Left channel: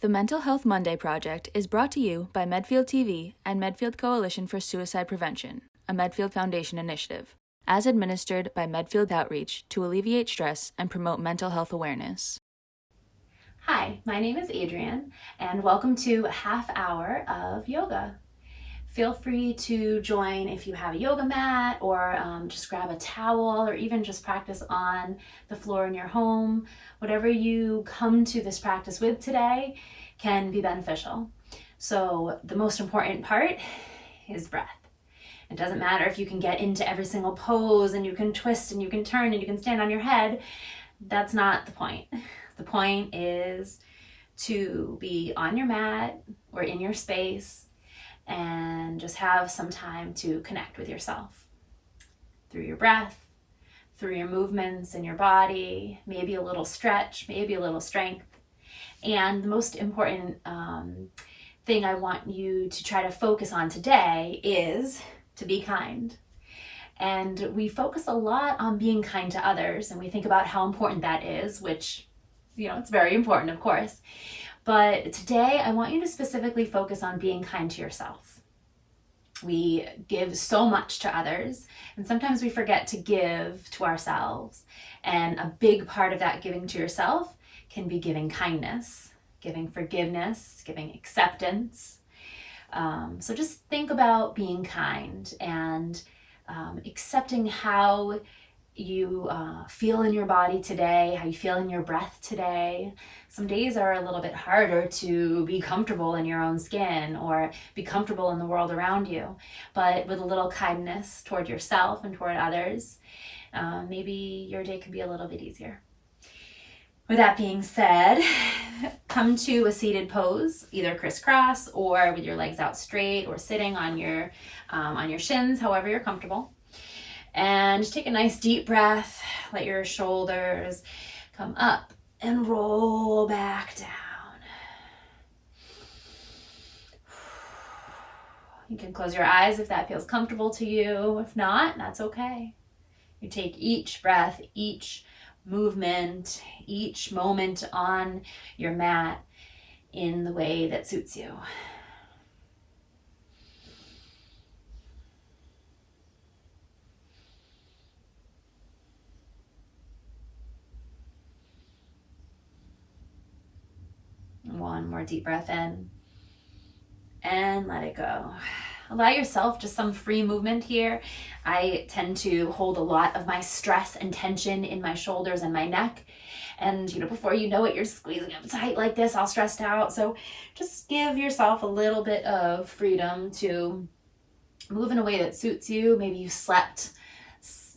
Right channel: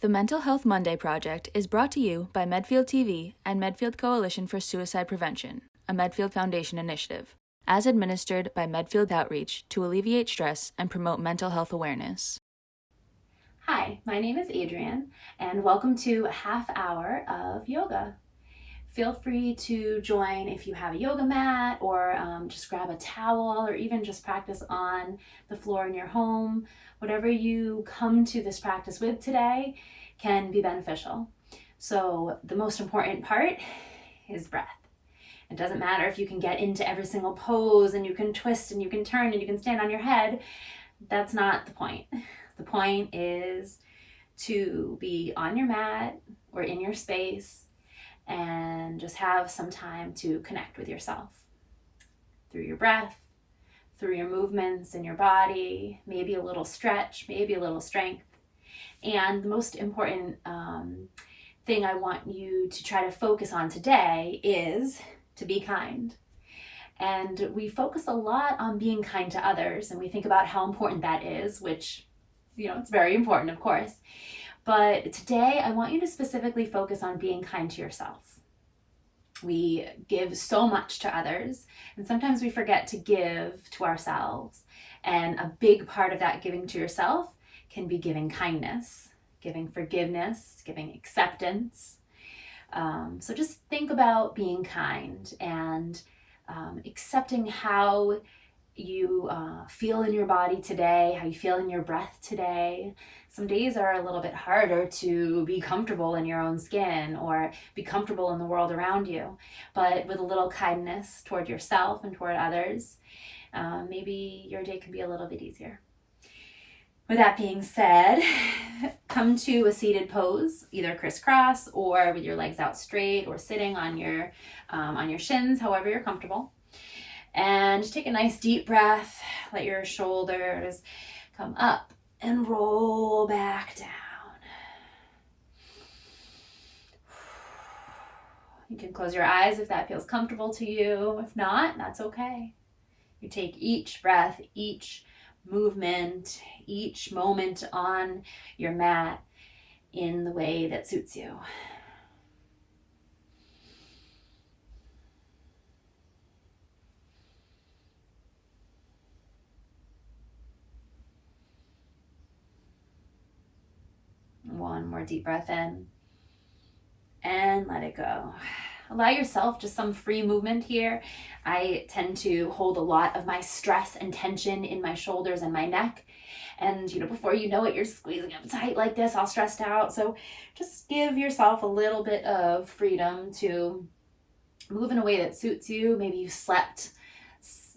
The Mental Health Monday Project is brought to you by Medfield TV and Medfield Coalition for Suicide Prevention, a Medfield Foundation initiative, as administered by Medfield Outreach to alleviate stress and promote mental health awareness. Hi, my name is Adrienne, and welcome to a half hour of yoga. Feel free to join if you have a yoga mat, or just grab a towel, or even just practice on the floor in your home. Whatever you come to this practice with today can be beneficial. So the most important part is breath. It doesn't matter if you can get into every single pose and you can twist and you can turn and you can stand on your head. That's not the point. The point is to be on your mat or in your space and just have some time to connect with yourself through your breath, through your movements in your body, maybe a little stretch, maybe a little strength. And the most important thing I want you to try to focus on today is to be kind. And we focus a lot on being kind to others, and we think about how important that is, which, it's very important, of course. But today I want you to specifically focus on being kind to yourself. We give so much to others, and sometimes we forget to give to ourselves. And a big part of that giving to yourself can be giving kindness, giving forgiveness, giving acceptance. So just think about being kind and accepting how you feel in your body today, how you feel in your breath today. Some days are a little bit harder to be comfortable in your own skin or be comfortable in the world around you, but with a little kindness toward yourself and toward others, maybe your day can be a little bit easier. With that being said, come to a seated pose, either crisscross or with your legs out straight, or sitting on your shins, however you're comfortable. And take a nice deep breath. Let your shoulders come up and roll back down. You can close your eyes if that feels comfortable to you. If not, that's okay. You take each breath, each movement, each moment on your mat in the way that suits you. One more deep breath in and let it go. Allow yourself just some free movement here. I tend to hold a lot of my stress and tension in my shoulders and my neck. And before you know it, you're squeezing up tight like this, all stressed out. So just give yourself a little bit of freedom to move in a way that suits you. Maybe you slept,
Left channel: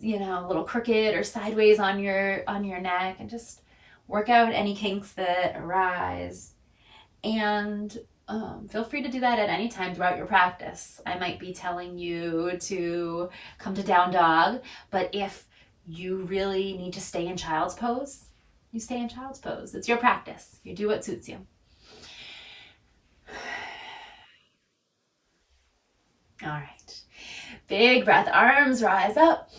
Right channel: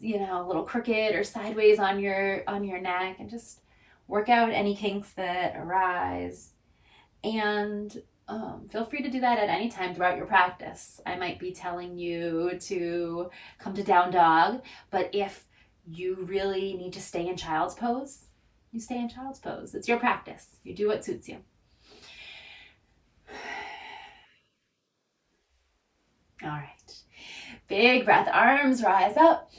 a little crooked or sideways on your neck, and just work out any kinks that arise. And feel free to do that at any time throughout your practice. I might be telling you to come to down dog, but if you really need to stay in child's pose, you stay in child's pose. It's your practice. You do what suits you. All right. Big breath, arms rise up.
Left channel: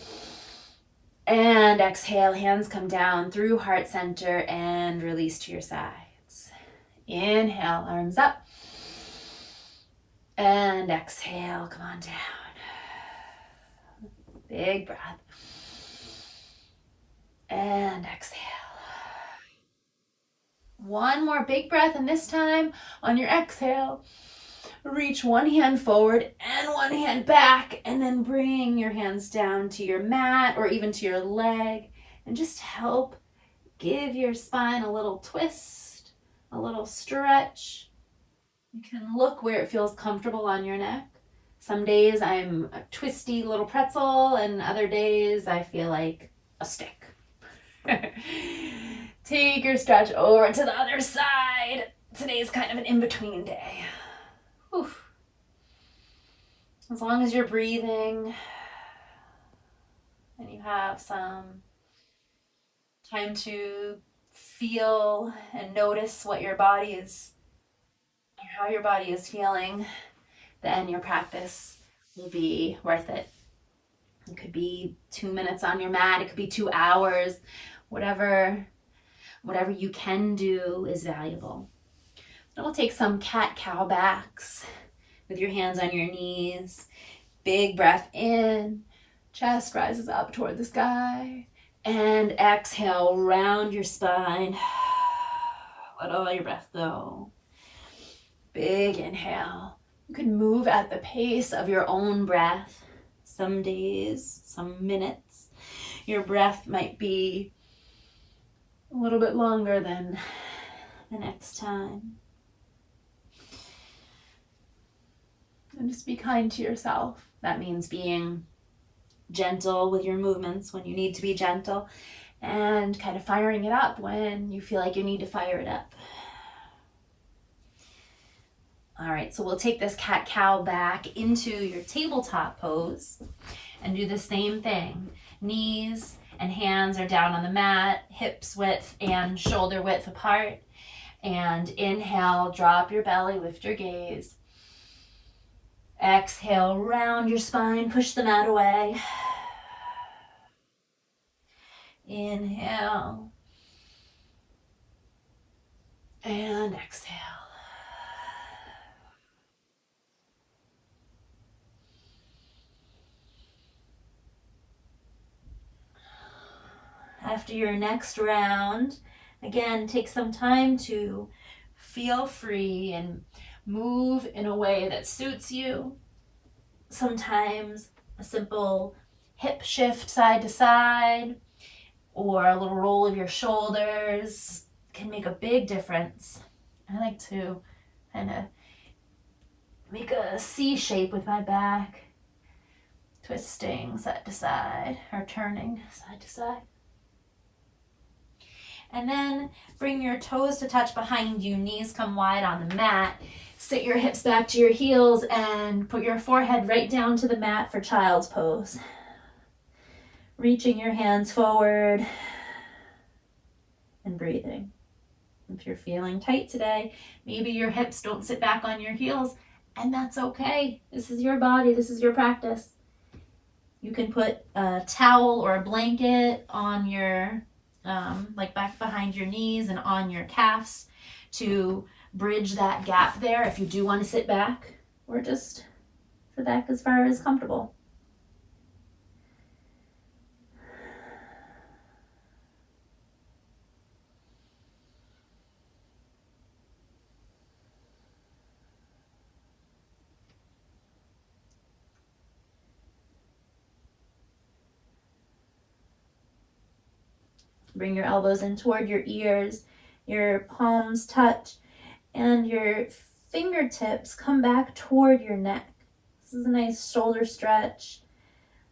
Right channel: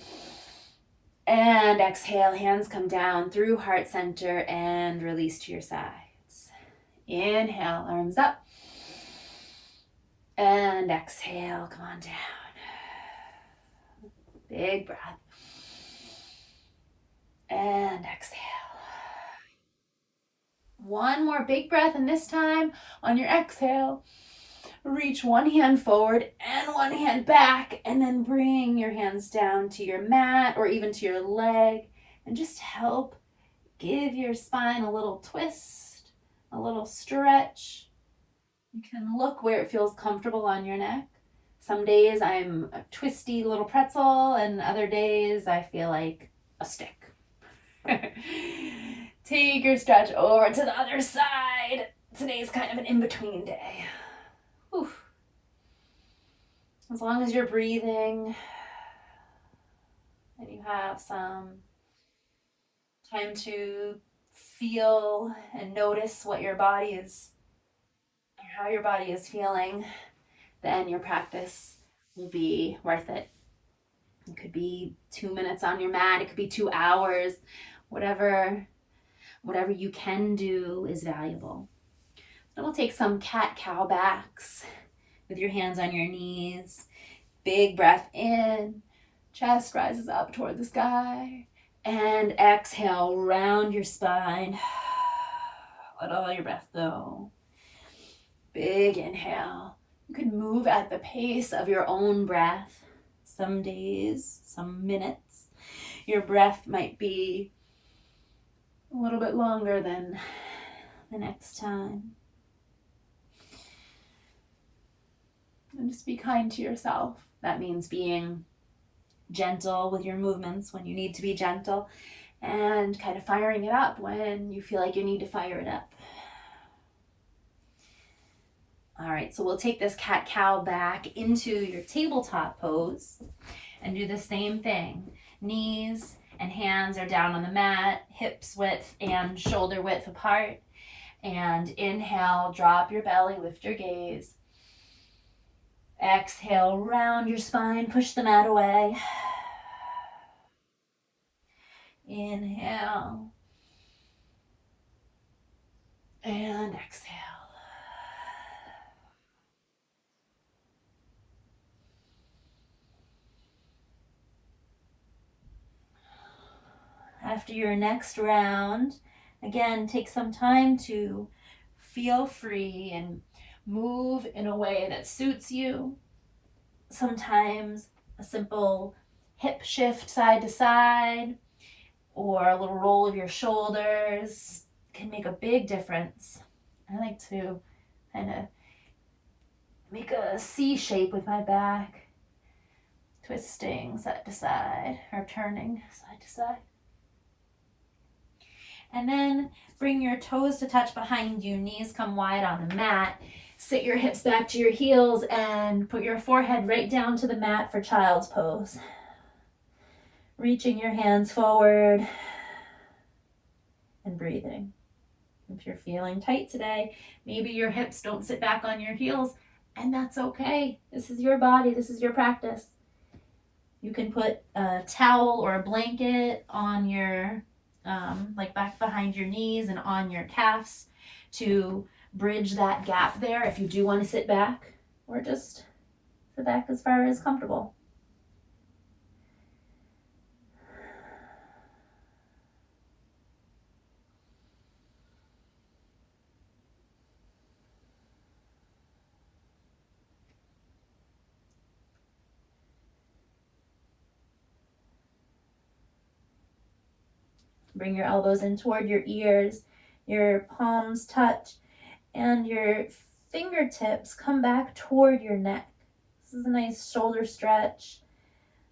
And exhale, hands come down through heart center and release to your sides. Inhale, arms up. And exhale, come on down. Big breath. And exhale. One more big breath, and this time on your exhale, reach one hand forward and one hand back, and then bring your hands down to your mat or even to your leg, and just help give your spine a little twist, a little stretch. You can look where it feels comfortable on your neck. Some days I'm a twisty little pretzel, and other days I feel like a stick. Take your stretch over to the other side. Today's kind of an in-between day. Whew. As long as you're breathing and you have some time to feel and notice what your body is, or how your body is feeling, then your practice will be worth it. It could be 2 minutes on your mat, it could be 2 hours, whatever you can do is valuable. And we'll take some cat-cow backs with your hands on your knees. Big breath in, chest rises up toward the sky. And exhale, round your spine. Let all your breath go. Big inhale. You can move at the pace of your own breath. Some days, some minutes, your breath might be a little bit longer than the next time. And just be kind to yourself. That means being gentle with your movements when you need to be gentle, and kind of firing it up when you feel like you need to fire it up. All right, so we'll take this cat-cow back into your tabletop pose and do the same thing. Knees and hands are down on the mat, hips width and shoulder width apart. And inhale, drop your belly, lift your gaze. Exhale, round your spine, push the mat away. Inhale. And exhale. After your next round, again, take some time to feel free and move in a way that suits you. Sometimes a simple hip shift side to side or a little roll of your shoulders can make a big difference. I like to kind of make a C shape with my back, twisting side to side or turning side to side. And then bring your toes to touch behind you, knees come wide on the mat. Sit your hips back to your heels and put your forehead right down to the mat for child's pose. Reaching your hands forward and breathing. If you're feeling tight today, maybe your hips don't sit back on your heels, and that's okay. This is your body, this is your practice. You can put a towel or a blanket on your like back behind your knees and on your calves to bridge that gap there if you do want to sit back, or just sit back as far as comfortable. Bring your elbows in toward your ears, your palms touch, and your fingertips come back toward your neck. This is a nice shoulder stretch,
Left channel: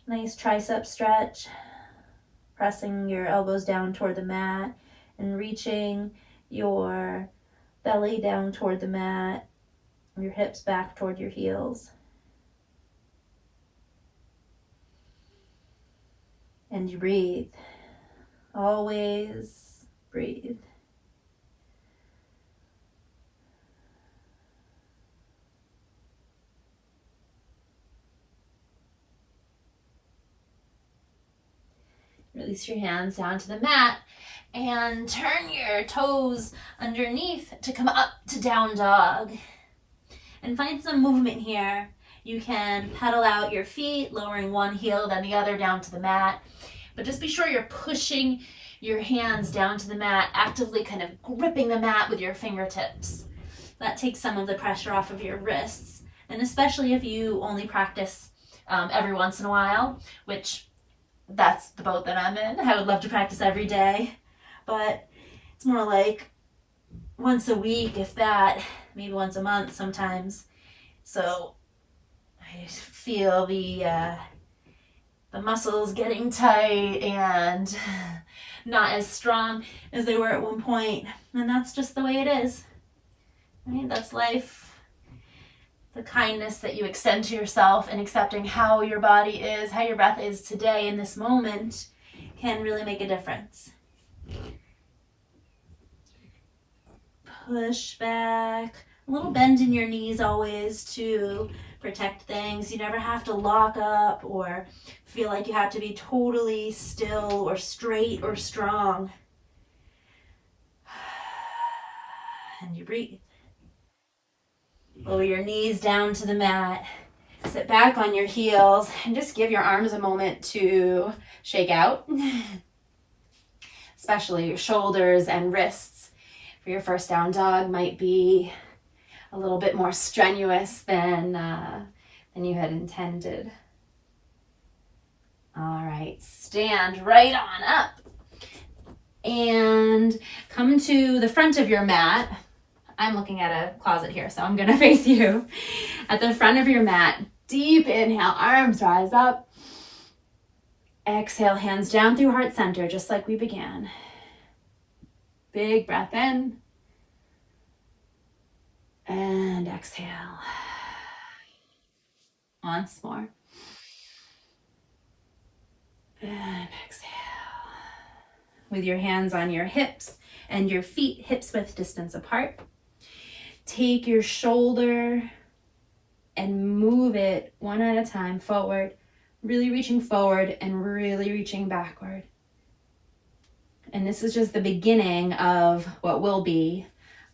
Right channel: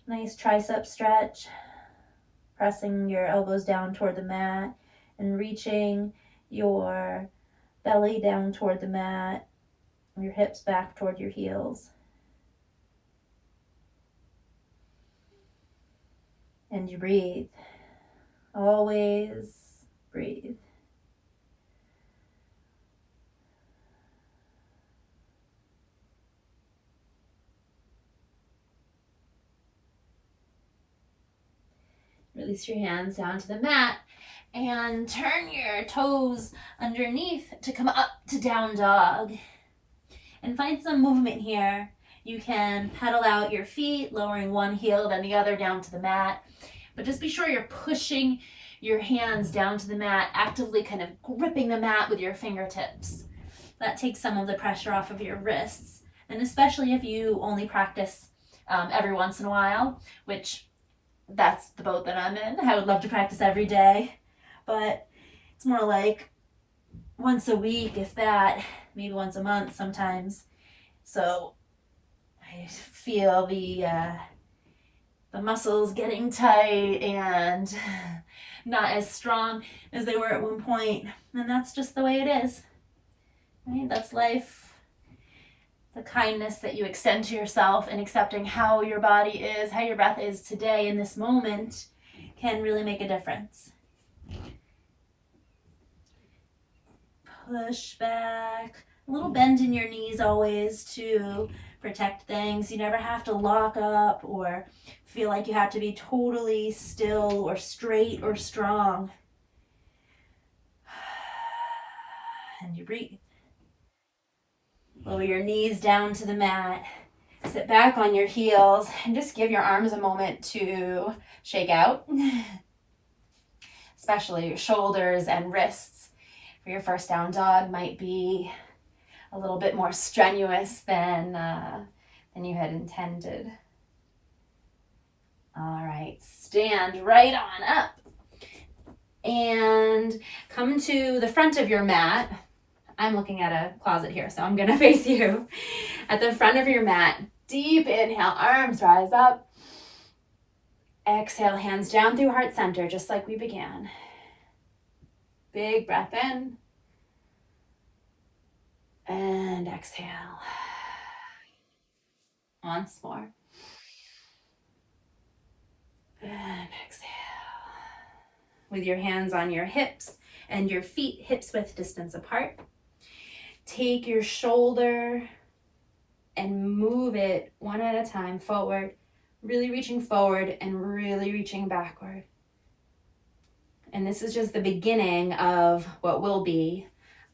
nice tricep stretch. Pressing your elbows down toward the mat and reaching your belly down toward the mat, your hips back toward your heels. And you breathe. Always breathe. Release your hands down to the mat and turn your toes underneath to come up to down dog. And find some movement here. You can pedal out your feet, lowering one heel then the other down to the mat. But just be sure you're pushing your hands down to the mat, actively kind of gripping the mat with your fingertips. That takes some of the pressure off of your wrists. And especially if you only practice every once in a while, which that's the boat that I'm in. I would love to practice every day, but it's more like once a week, if that, maybe once a month sometimes. So I feel the muscles getting tight and not as strong as they were at one point. And that's just the way it is. Right? That's life. The kindness that you extend to yourself and accepting how your body is, how your breath is today in this moment can really make a difference. Push back. A little bend in your knees always to protect things. You never have to lock up or feel like you have to be totally still or straight or strong. And you breathe. Lower your knees down to the mat. Sit back on your heels and just give your arms a moment to shake out, especially your shoulders and wrists. For your first down dog might be a little bit more strenuous than you had intended. All right, stand right on up and come to the front of your mat. I'm looking at a closet here, so I'm gonna face you. At the front of your mat, deep inhale, arms rise up. Exhale, hands down through heart center, just like we began. Big breath in. And exhale. Once more. And exhale. With your hands on your hips and your feet hips width distance apart. Take your shoulder and move it one at a time forward, really reaching forward and really reaching backward. And this is just the beginning of what will be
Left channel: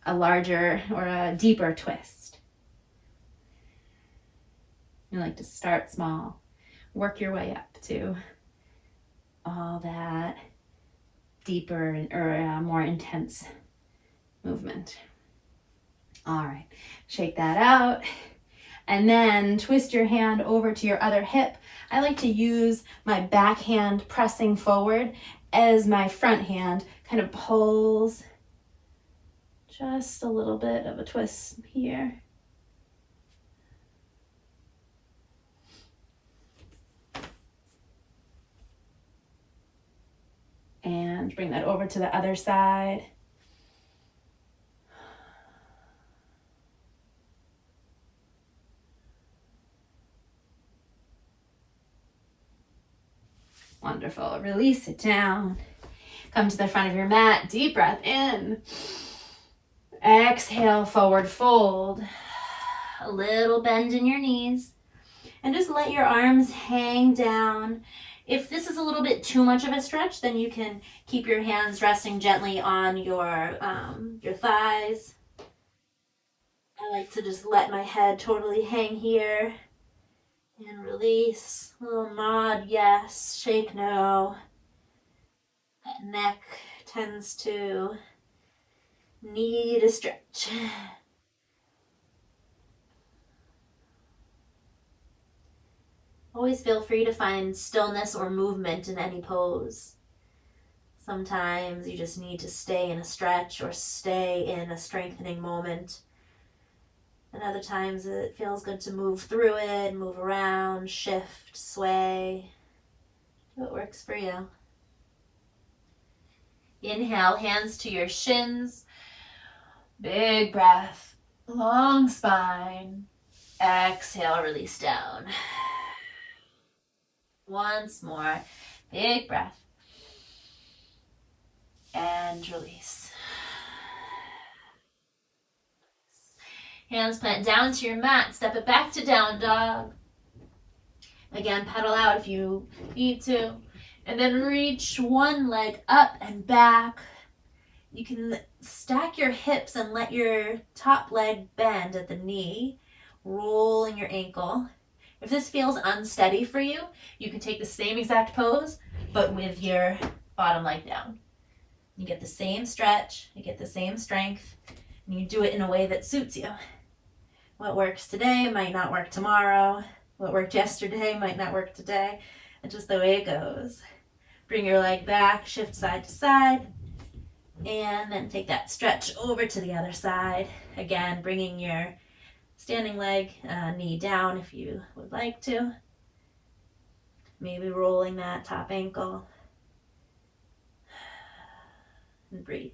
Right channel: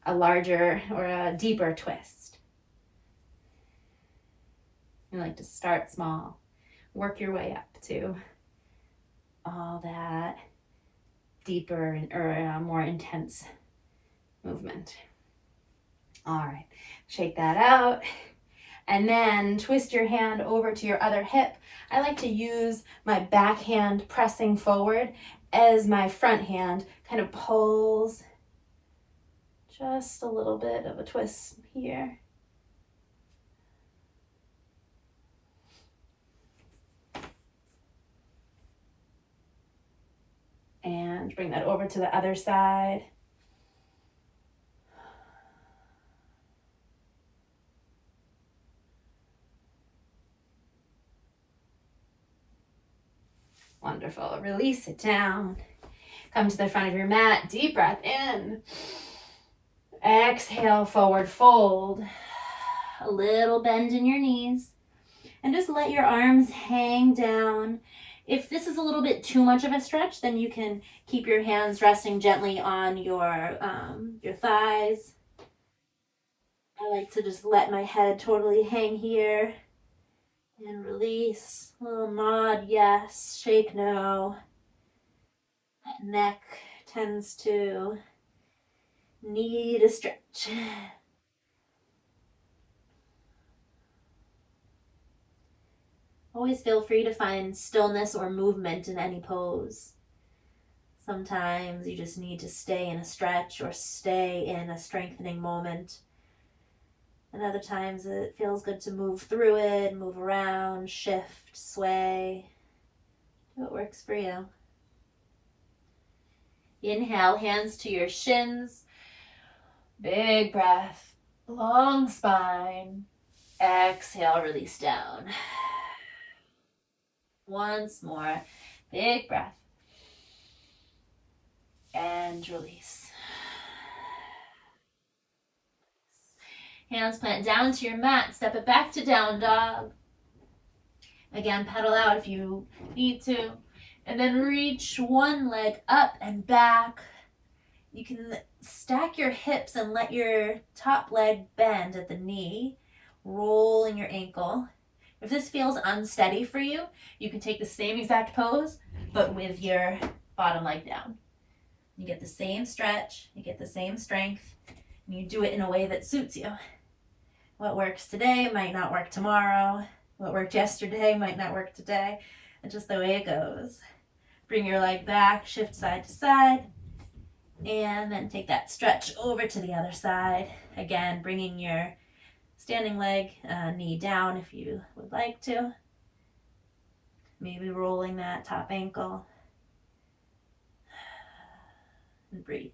a larger or a deeper twist. You like to start small, work your way up to all that deeper or more intense movement. All right, shake that out. And then twist your hand over to your other hip. I like to use my back hand pressing forward as my front hand kind of pulls. Just a little bit of a twist here. And bring that over to the other side. Wonderful. Release it down. Come to the front of your mat. Deep breath in. Exhale, forward fold. A little bend in your knees. And just let your arms hang down. If this is a little bit too much of a stretch, then you can keep your hands resting gently on your thighs. I like to just let my head totally hang here. And release. A little nod, yes. Shake, no. That neck tends to need a stretch. Always feel free to find stillness or movement in any pose. Sometimes you just need to stay in a stretch or stay in a strengthening moment. And other times it feels good to move through it, move around, shift, sway. Do what works for you. Inhale, hands to your shins. Big breath, long spine. Exhale, release down. Once more, big breath. And release. Hands plant down to your mat. Step it back to down dog. Again, pedal out if you need to. And then reach one leg up and back. You can stack your hips and let your top leg bend at the knee, rolling your ankle. If this feels unsteady for you, you can take the same exact pose, but with your bottom leg down. You get the same stretch, you get the same strength, and you do it in a way that suits you. What works today might not work tomorrow. What worked yesterday might not work today. It's just the way it goes. Bring your leg back, shift side to side, and then take that stretch over to the other side. Again, bringing your standing leg, knee down if you would like to. Maybe rolling that top ankle. And breathe.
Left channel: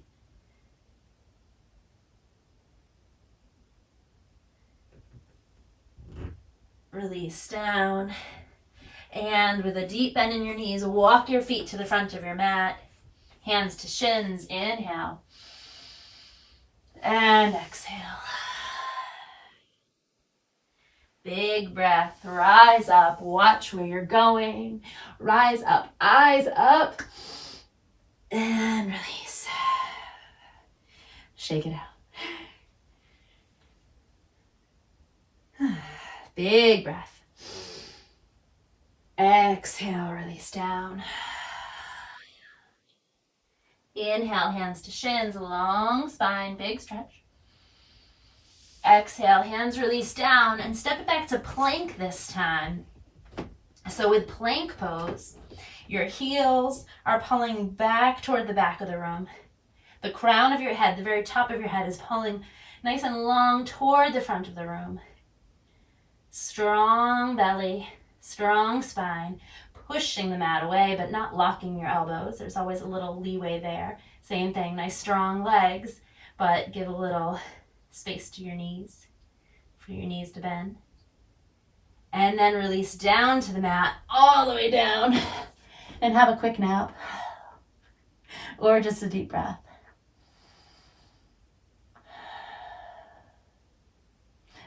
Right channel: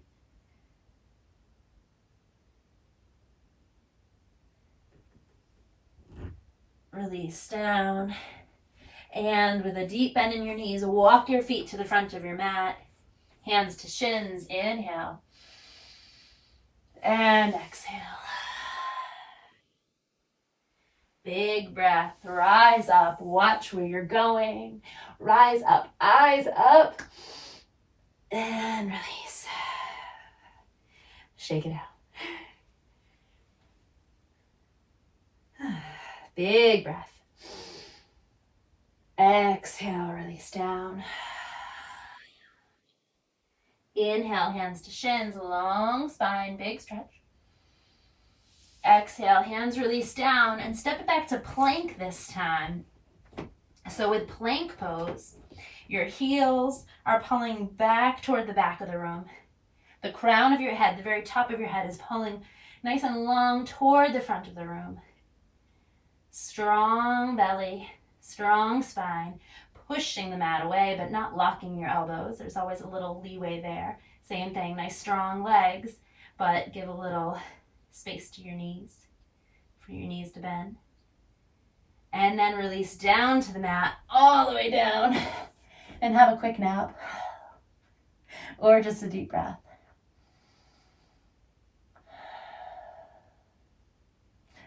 Release down. And with a deep bend in your knees, walk your feet to the front of your mat. Hands to shins. Inhale. And exhale. Big breath. Rise up. Watch where you're going. Rise up. Eyes up. And release. Shake it out. Big breath. Exhale, release down. Inhale, hands to shins, long spine, big stretch. Exhale, hands release down, and step it back to plank this time. So with plank pose, your heels are pulling back toward the back of the room. The crown of your head, the very top of your head, is pulling nice and long toward the front of the room. Strong belly, strong spine, pushing the mat away, but not locking your elbows. There's always a little leeway there. Same thing, nice strong legs, but give a little space to your knees, for your knees to bend. And then release down to the mat, all the way down, and have a quick nap, or just a deep breath.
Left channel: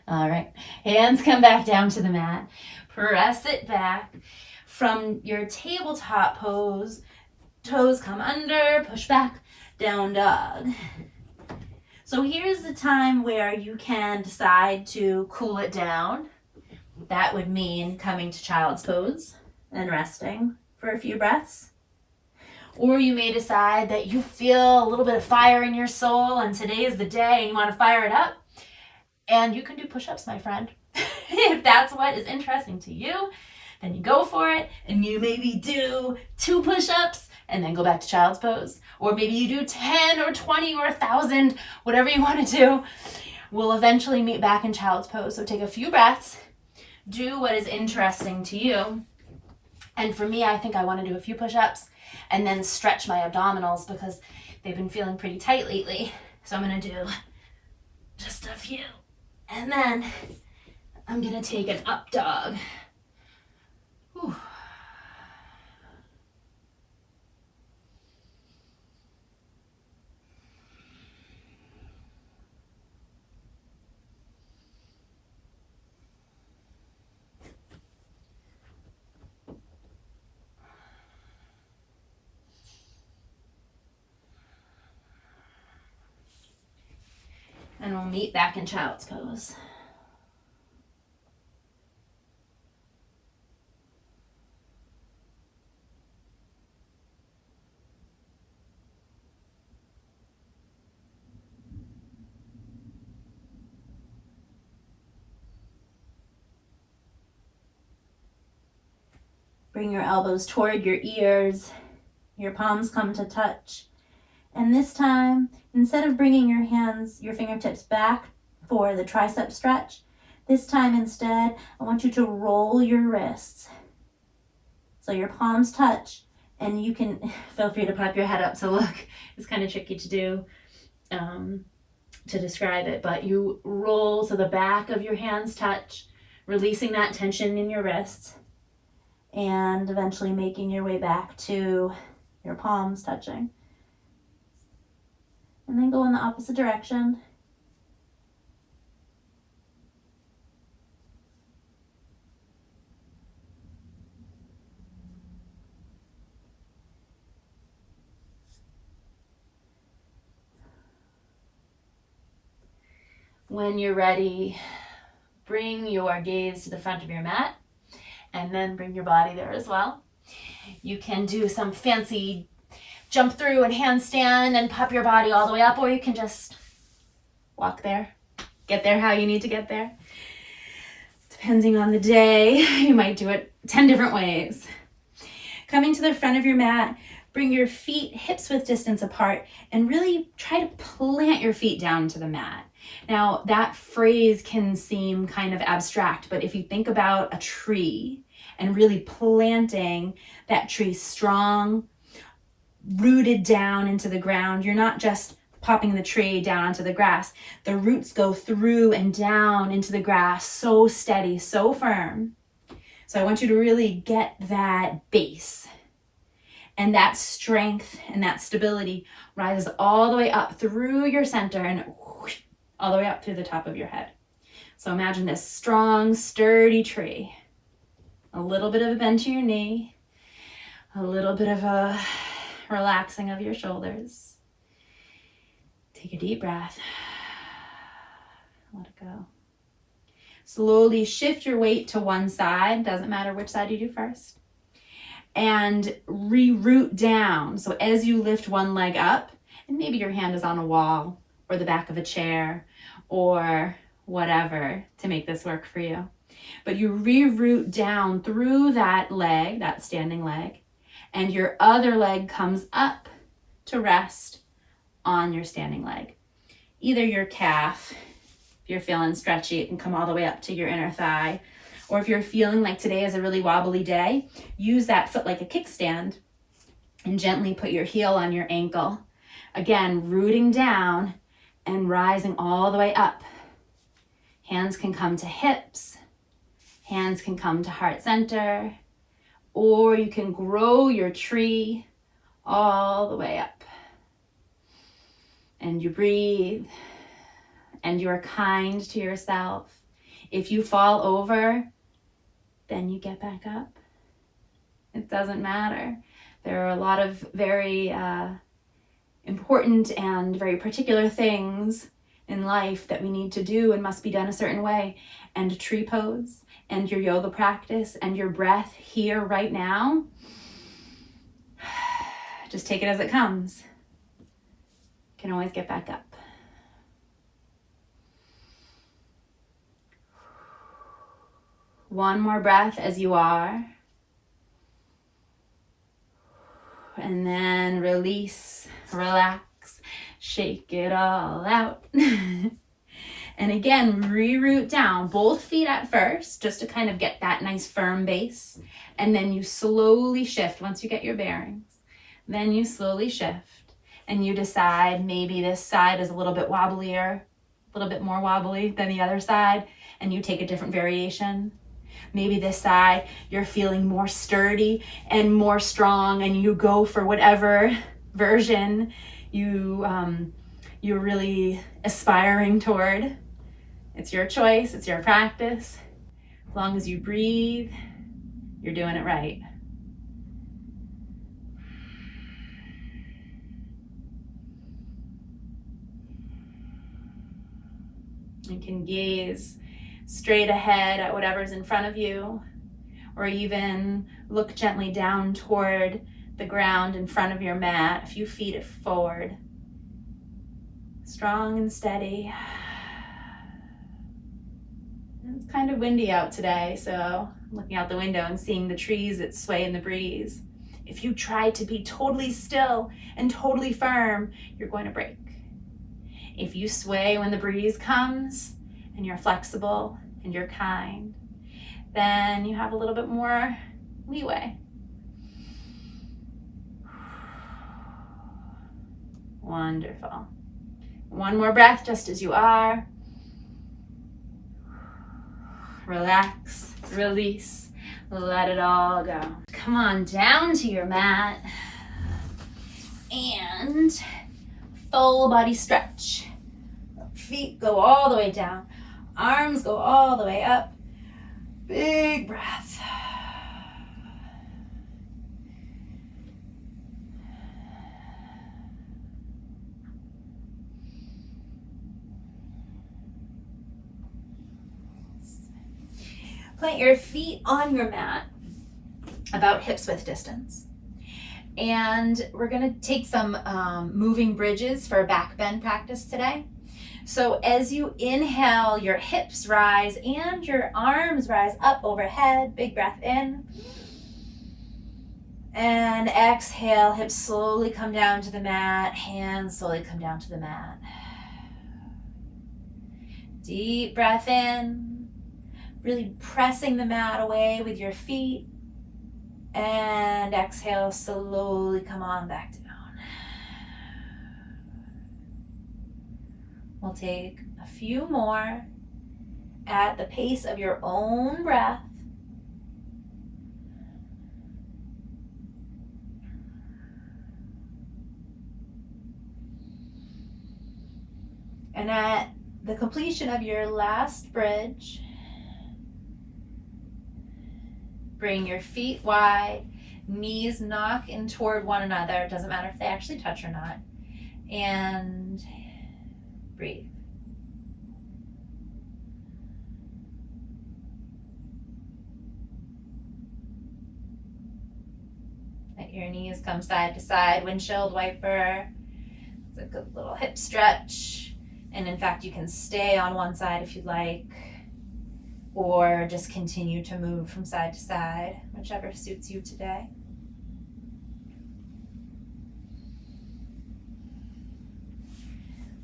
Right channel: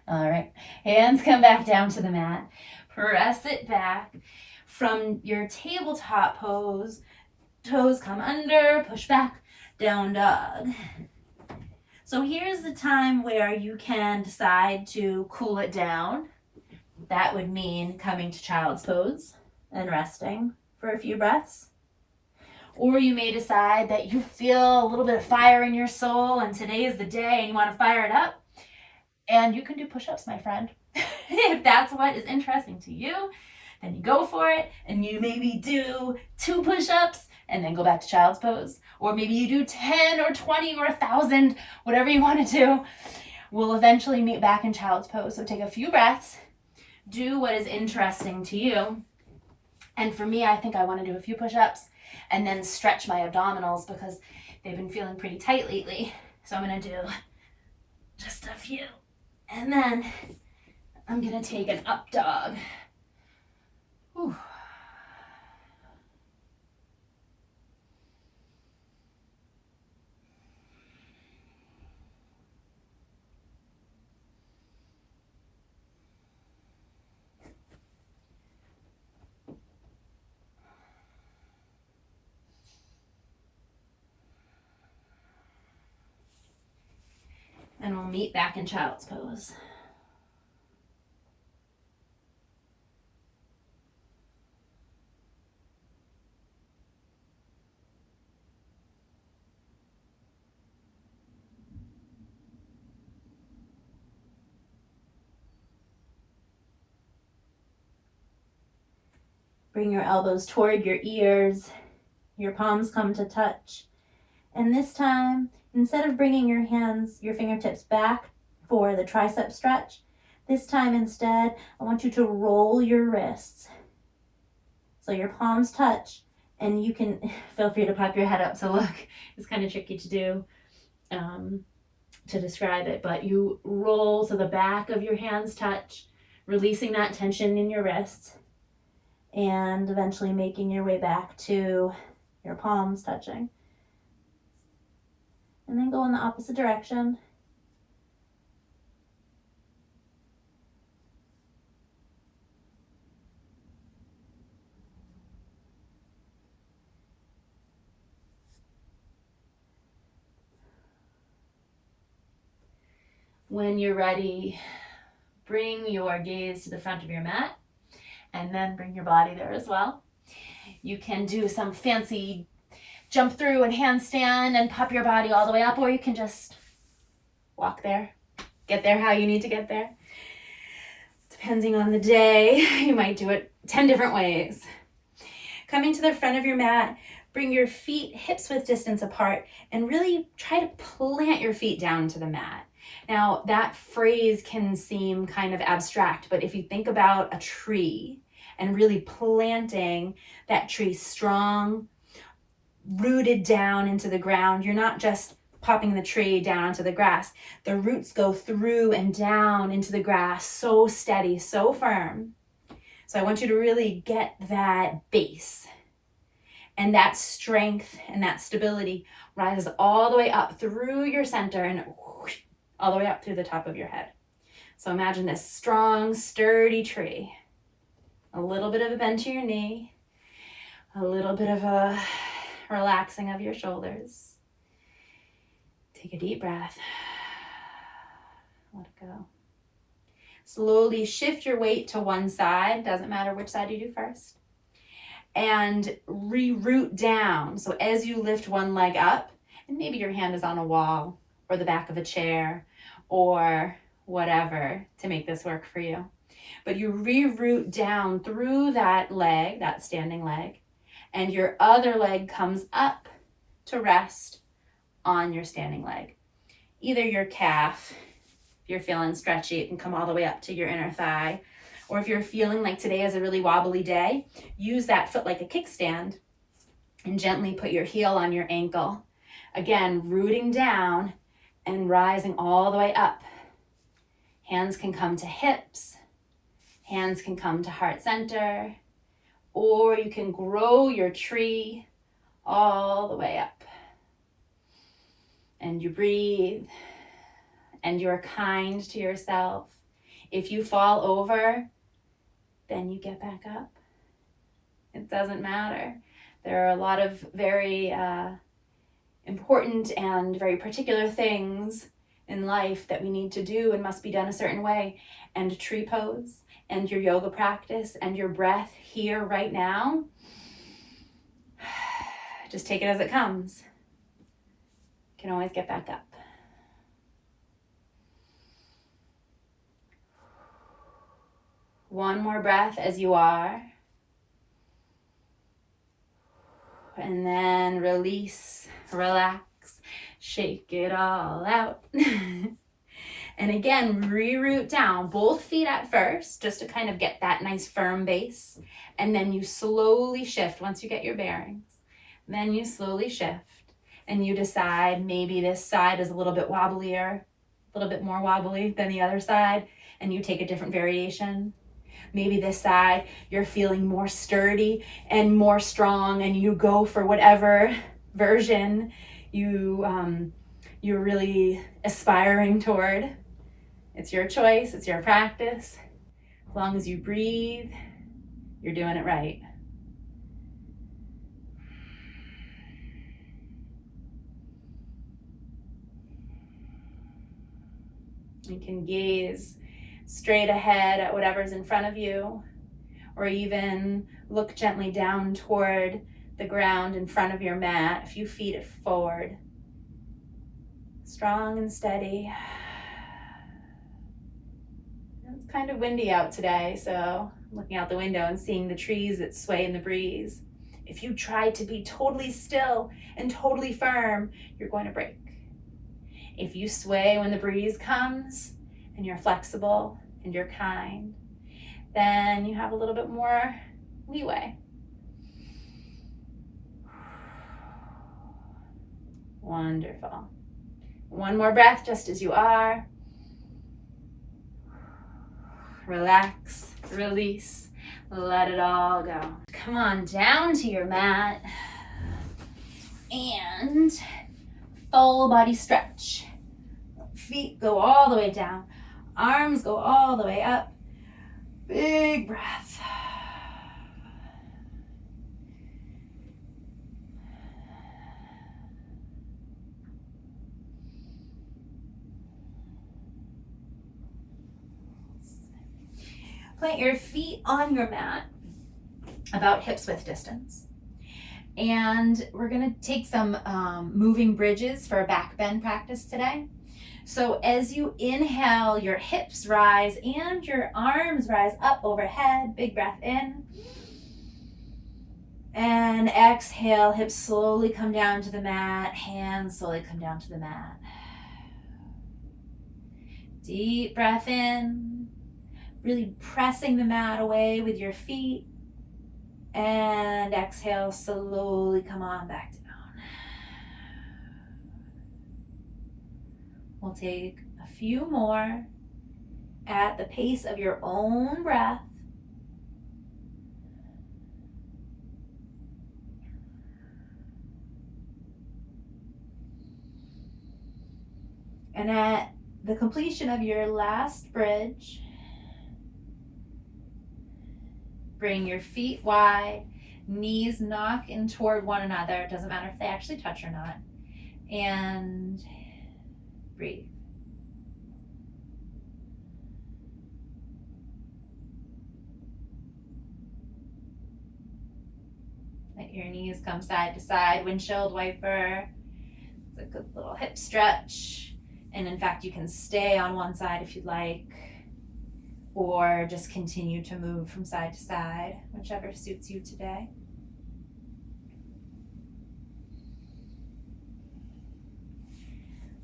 All right, hands come back down to the mat. Press it back. From your tabletop pose, toes come under, push back, down dog. So here's the time where you can decide to cool it down. That would mean coming to child's pose and resting for a few breaths. Or you may decide that you feel a little bit of fire in your soul and today is the day and you want to fire it up. And you can do push-ups, my friend. If that's what is interesting to you, then you go for it, and you maybe do 2 push-ups and then go back to child's pose. Or maybe you do 10 or 20 or 1,000, whatever you want to do. We'll eventually meet back in child's pose. So take a few breaths, do what is interesting to you. And for me, I think I want to do a few push-ups and then stretch my abdominals because they've been feeling pretty tight lately. So I'm going to do just a few. And then I'm going to take an up dog. Whew. And we'll meet back in child's pose. Bring your elbows toward your ears. Your palms come to touch. And this time, instead of bringing your hands, your fingertips back for the tricep stretch, this time instead, I want you to roll your wrists. So your palms touch, and you can feel free to pop your head up to look. It's kind of tricky to do, to describe it, but you roll so the back of your hands touch, releasing that tension in your wrists, and eventually making your way back to your palms touching. And then go in the opposite direction. When you're ready, bring your gaze to the front of your mat and then bring your body there as well. You can do some fancy jump through and handstand and pop your body all the way up, or you can just walk there, get there how you need to get there. Depending on the day, you might do it 10 different ways. Coming to the front of your mat, bring your feet hips width distance apart and really try to plant your feet down to the mat. Now, that phrase can seem kind of abstract, but if you think about a tree and really planting that tree strong, rooted down into the ground, you're not just popping the tree down onto the grass. The roots go through and down into the grass, so steady, so firm. So I want you to really get that base. And that strength and that stability rises all the way up through your center and whoosh, all the way up through the top of your head. So imagine this strong, sturdy tree. A little bit of a bend to your knee, a little bit of a relaxing of your shoulders. Take a deep breath. Let it go. Slowly shift your weight to one side, doesn't matter which side you do first, and re-root down. So as you lift one leg up, and maybe your hand is on a wall or the back of a chair or whatever to make this work for you, but you re-root down through that leg, that standing leg, and your other leg comes up to rest on your standing leg. Either your calf, if you're feeling stretchy, it can come all the way up to your inner thigh. Or if you're feeling like today is a really wobbly day, use that foot like a kickstand and gently put your heel on your ankle. Again, rooting down and rising all the way up. Hands can come to hips. Hands can come to heart center. Or you can grow your tree all the way up. And you breathe, and you're kind to yourself. If you fall over, then you get back up. It doesn't matter. There are a lot of very important and very particular things in life that we need to do and must be done a certain way. And tree pose, and your yoga practice, and your breath here right now, just take it as it comes. You can always get back up. One more breath as you are. And then release, relax, shake it all out. And again, re-root down, both feet at first, just to kind of get that nice firm base. And then you slowly shift once you get your bearings. Then you slowly shift. And you decide maybe this side is a little bit wobblier, a little bit more wobbly than the other side, and you take a different variation. Maybe this side, you're feeling more sturdy and more strong, and you go for whatever version you're really aspiring toward. It's your choice, it's your practice. As long as you breathe, you're doing it right. You can gaze straight ahead at whatever's in front of you, or even look gently down toward the ground in front of your mat, a few feet forward. Strong and steady. It's kind of windy out today, so I'm looking out the window and seeing the trees that sway in the breeze. If you try to be totally still and totally firm, you're going to break. If you sway when the breeze comes and you're flexible and you're kind, then you have a little bit more leeway. Wonderful. One more breath just as you are. Relax, release, let it all go. Come on down to your mat and full body stretch. Feet go all the way down. Arms go all the way up. Big breath. Plant your feet on your mat about hips width distance. And we're gonna take some moving bridges for back bend practice today. So as you inhale, your hips rise and your arms rise up overhead. Big breath in. And exhale, hips slowly come down to the mat, hands slowly come down to the mat. Deep breath in, really pressing the mat away with your feet. And exhale, slowly come on back down. We'll take a few more at the pace of your own breath. And at the completion of your last bridge, bring your feet wide, knees knock in toward one another. It doesn't matter if they actually touch or not. And breathe. your knees come side to side, windshield wiper. It's a good little hip stretch. And in fact, you can stay on one side if you'd like, or just continue to move from side to side, whichever suits you today.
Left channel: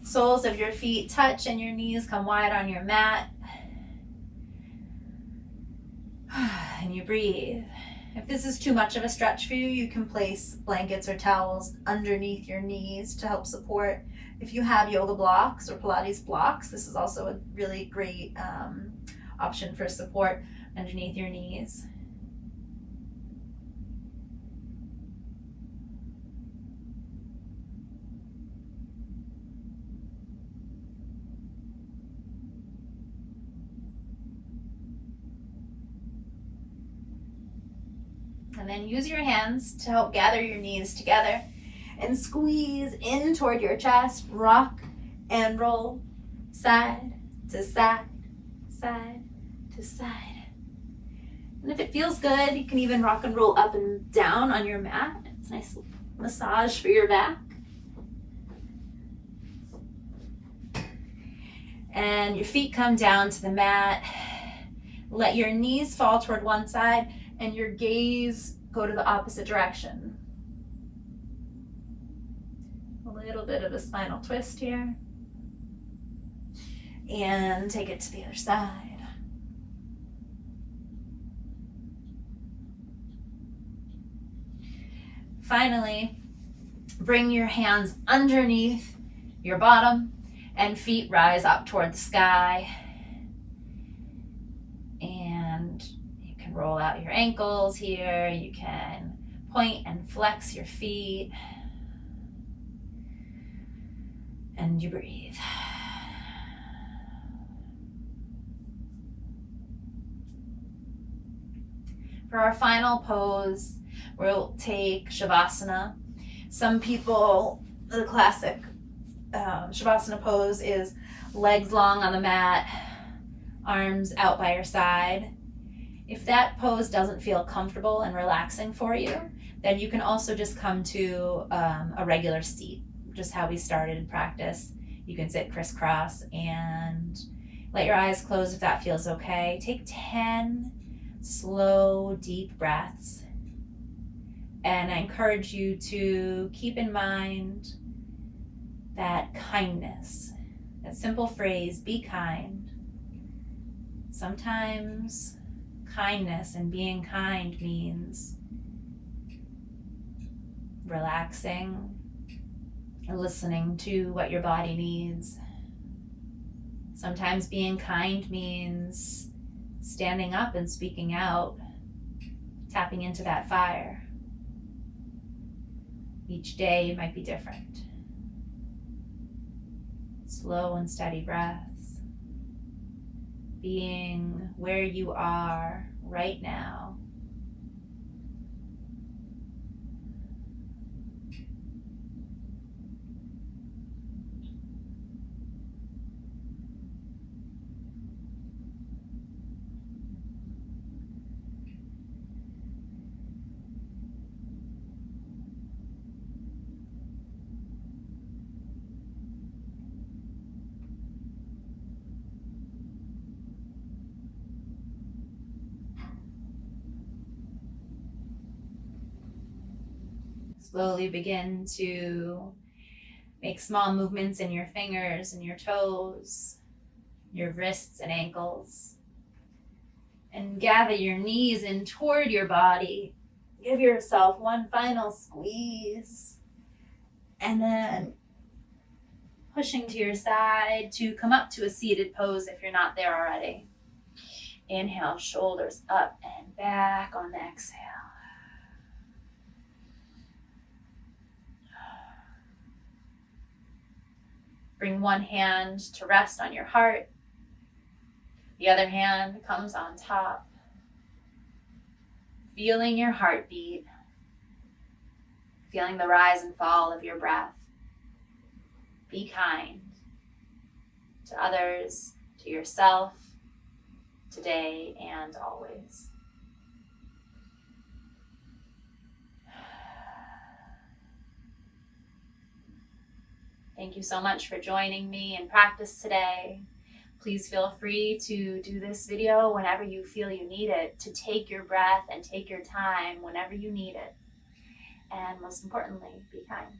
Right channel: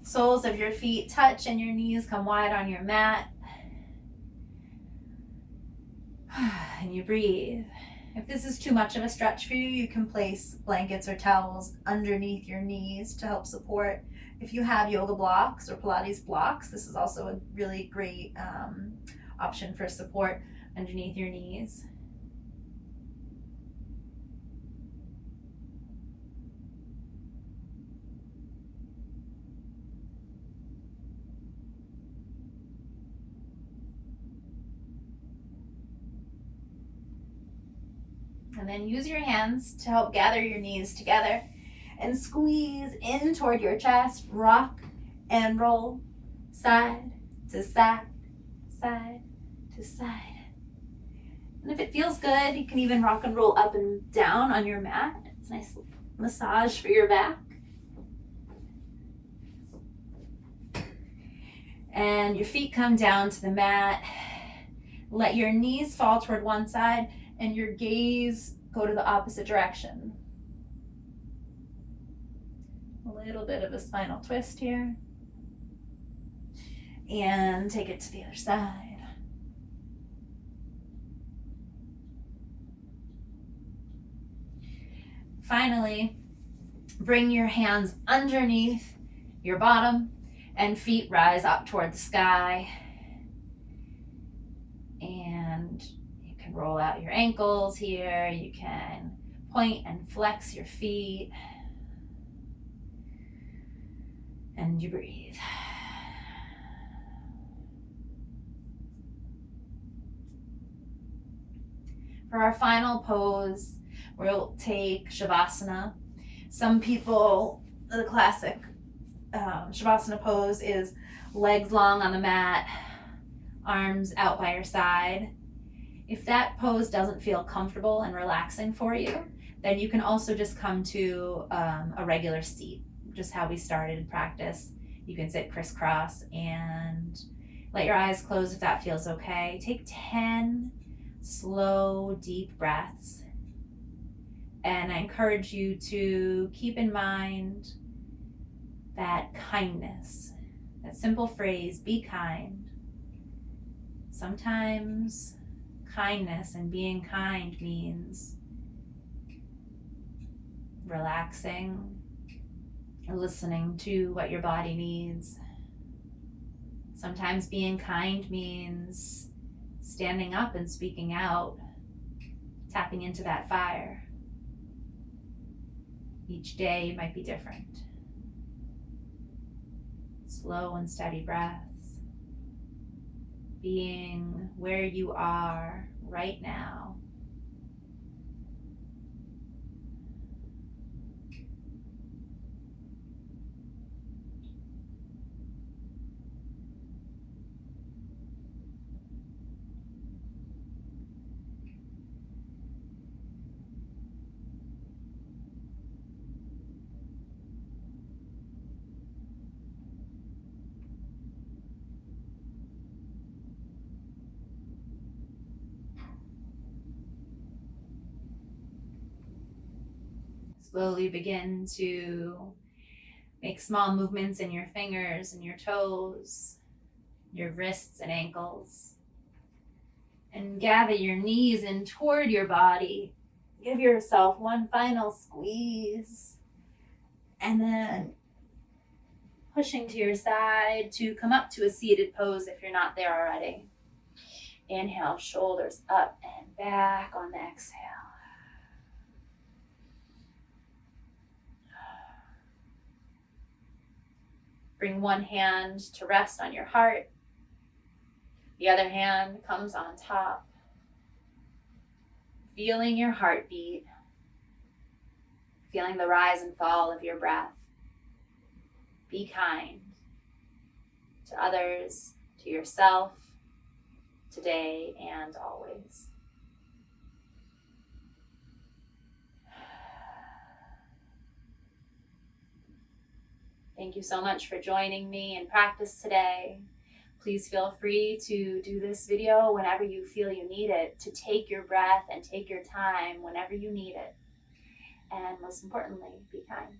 Soles of your feet touch and your knees come wide on your mat. And you breathe. If this is too much of a stretch for you, you can place blankets or towels underneath your knees to help support. If you have yoga blocks or Pilates blocks, this is also a really great option for support underneath your knees. And then use your hands to help gather your knees together and squeeze in toward your chest. Rock and roll side to side, side to side. And if it feels good, you can even rock and roll up and down on your mat. It's a nice massage for your back. And your feet come down to the mat. Let your knees fall toward one side and your gaze go to the opposite direction. A little bit of a spinal twist here. And take it to the other side. Finally, bring your hands underneath your bottom and feet rise up toward the sky. And you can roll out your ankles here. You can point and flex your feet. And you breathe. For our final pose, we'll take Shavasana. Some people, the classic Shavasana pose is legs long on the mat, arms out by your side. If that pose doesn't feel comfortable and relaxing for you, then you can also just come to a regular seat, just how we started in practice. You can sit crisscross and let your eyes close if that feels okay. Take 10 slow, deep breaths. And I encourage you to keep in mind that kindness, that simple phrase, be kind. Sometimes kindness and being kind means relaxing and listening to what your body needs. Sometimes being kind means standing up and speaking out, tapping into that fire. Each day might be different. Slow and steady breaths. Being where you are right now. Slowly begin to make small movements in your fingers and your toes, your wrists and ankles. And gather your knees in toward your body. Give yourself one final squeeze. And then pushing to your side to come up to a seated pose if you're not there already. Inhale, shoulders up and back on the exhale. Bring one hand to rest on your heart. The other hand comes on top. Feeling your heartbeat. Feeling the rise and fall of your breath. Be kind to others, to yourself, today, and always. Thank you so much for joining me in practice today. Please feel free to do this video whenever you feel you need it, to take your breath and take your time whenever you need it. And most importantly, be kind.